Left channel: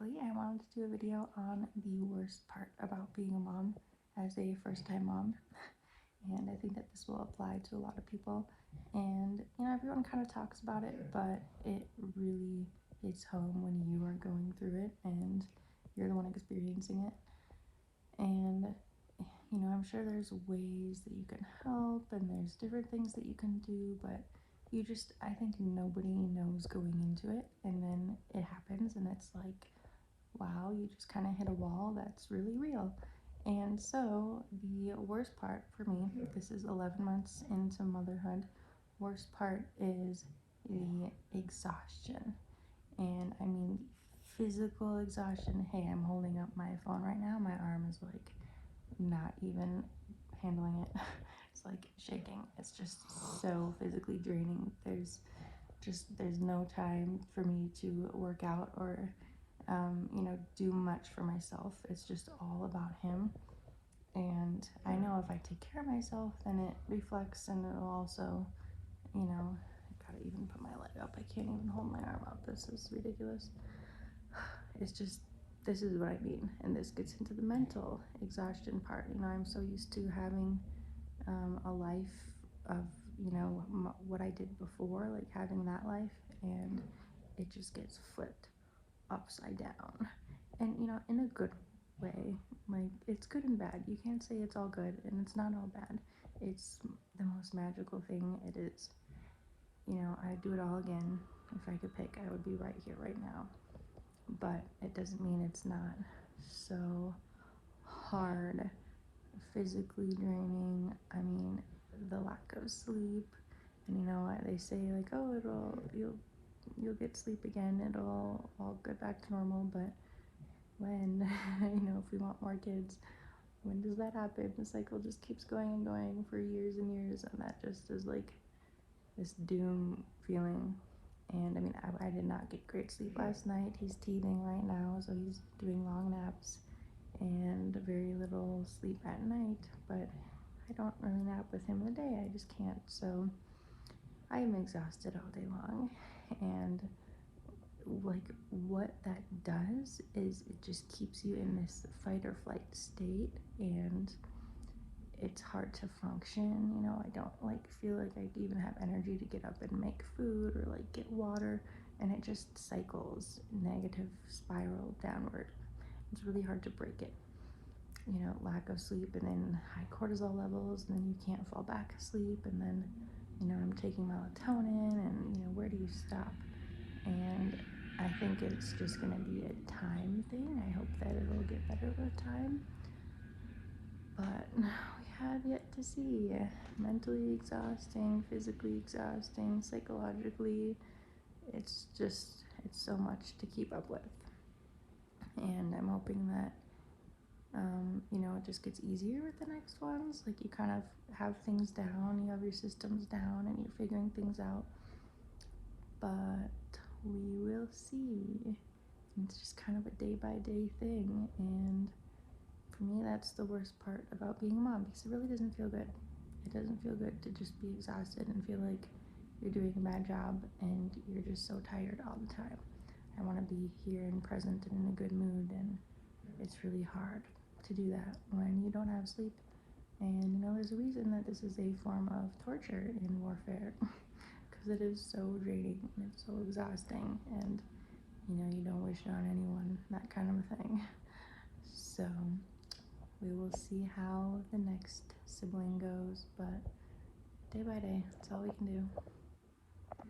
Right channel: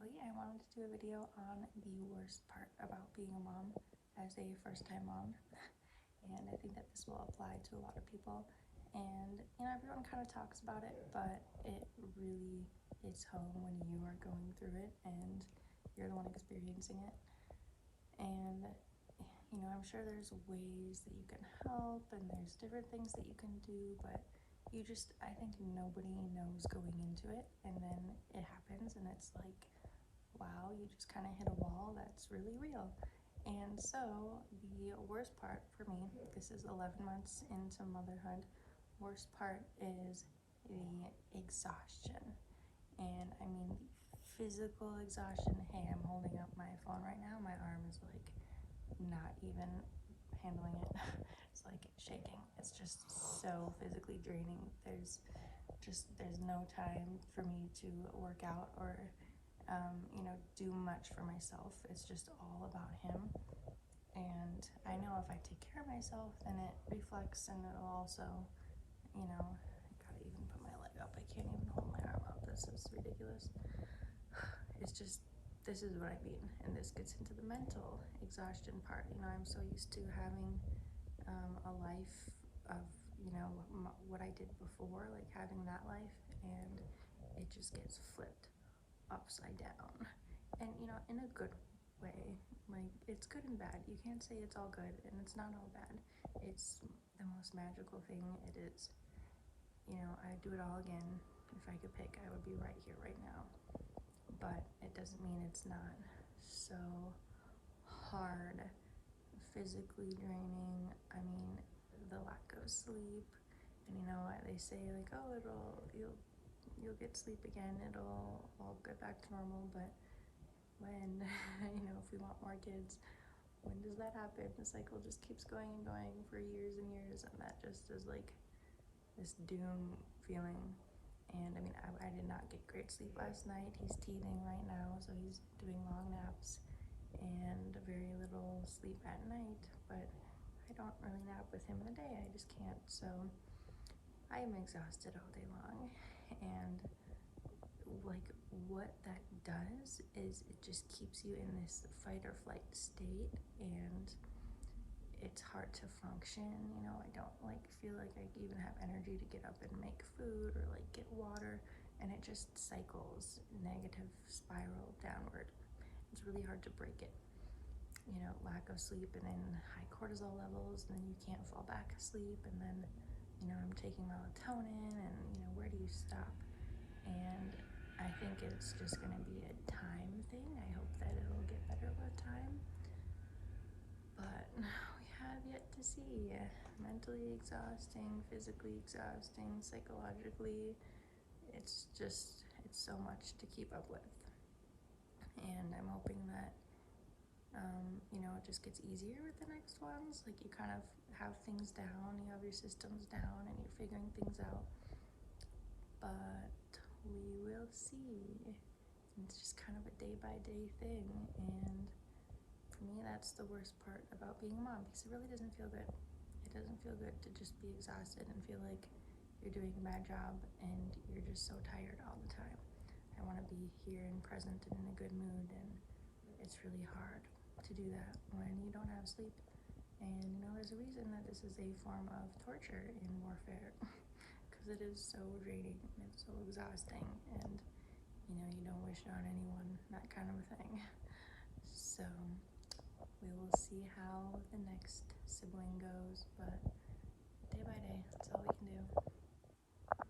Actually, I wanted to do a video on the worst part about being a mom as a first-time mom. And I think that this will apply to a lot of people. And, everyone kind of talks about it, but it really hits home when you are going through it and you're the one experiencing it. And, I'm sure there's ways that you can help and there's different things that you can do, but I think nobody knows going into it. And then it happens and it's like, wow, you just kind of hit a wall that's really real. And so the worst part for me, this is 11 months into motherhood, worst part is the exhaustion. And I mean physical exhaustion. Hey, I'm holding up my phone right now. My arm is like not even handling it. It's like shaking. It's just so physically draining. There's no time for me to work out or do much for myself. It's just all about him. And I know if I take care of myself, then it reflects and it'll also, I gotta even put my leg up. I can't even hold my arm up. This is ridiculous. It's just, this is what I mean. And this gets into the mental exhaustion part. I'm so used to having a life of, what I did before, like having that life, and it just gets flipped upside down. And in a good way. Like, it's good and bad. You can't say it's all good and it's not all bad. It's the most magical thing. It is. I'd do it all again. If I could pick, I would be right here right now. But it doesn't mean it's not so hard, physically draining. I mean, the lack of sleep. And they say like, oh, you'll get sleep again. It'll all get back to normal. But when, if we want more kids, when does that happen? The cycle just keeps going and going for years and years, and that just is like this doom feeling. And I mean, I did not get great sleep last night. He's teething right now, so he's doing long naps and very little sleep at night, but I don't really nap with him in the day. I just can't. So I am exhausted all day long, and like what that does is it just keeps you in this fight or flight state, and it's hard to function. I don't feel like I even have energy to get up and make food or get water, and it just cycles, negative spiral downward. It's really hard to break it. Lack of sleep, and then high cortisol levels, and then you can't fall back asleep, and then I'm taking melatonin, and where do you stop? And I think it's just going to be a time thing. I hope that it'll get better with time. But we have yet to see. Mentally exhausting, physically exhausting, psychologically. It's so much to keep up with. And I'm hoping that, it just gets easier with the next ones. Like, you kind of have things down, you have your systems down, and you're figuring things out. But we will see. It's just kind of a day-by-day thing, and for me, that's the worst part about being a mom, because it really doesn't feel good. It doesn't feel good to just be exhausted and feel like you're doing a bad job and you're just so tired all the time. I want to be here and present and in a good mood, and it's really hard to do that when you don't have sleep. And there's a reason that this is a form of torture in warfare, because it is so draining and it's so exhausting, and you don't wish it on anyone, that kind of a thing. So we will see how the next sibling goes, but day by day, that's all we can do.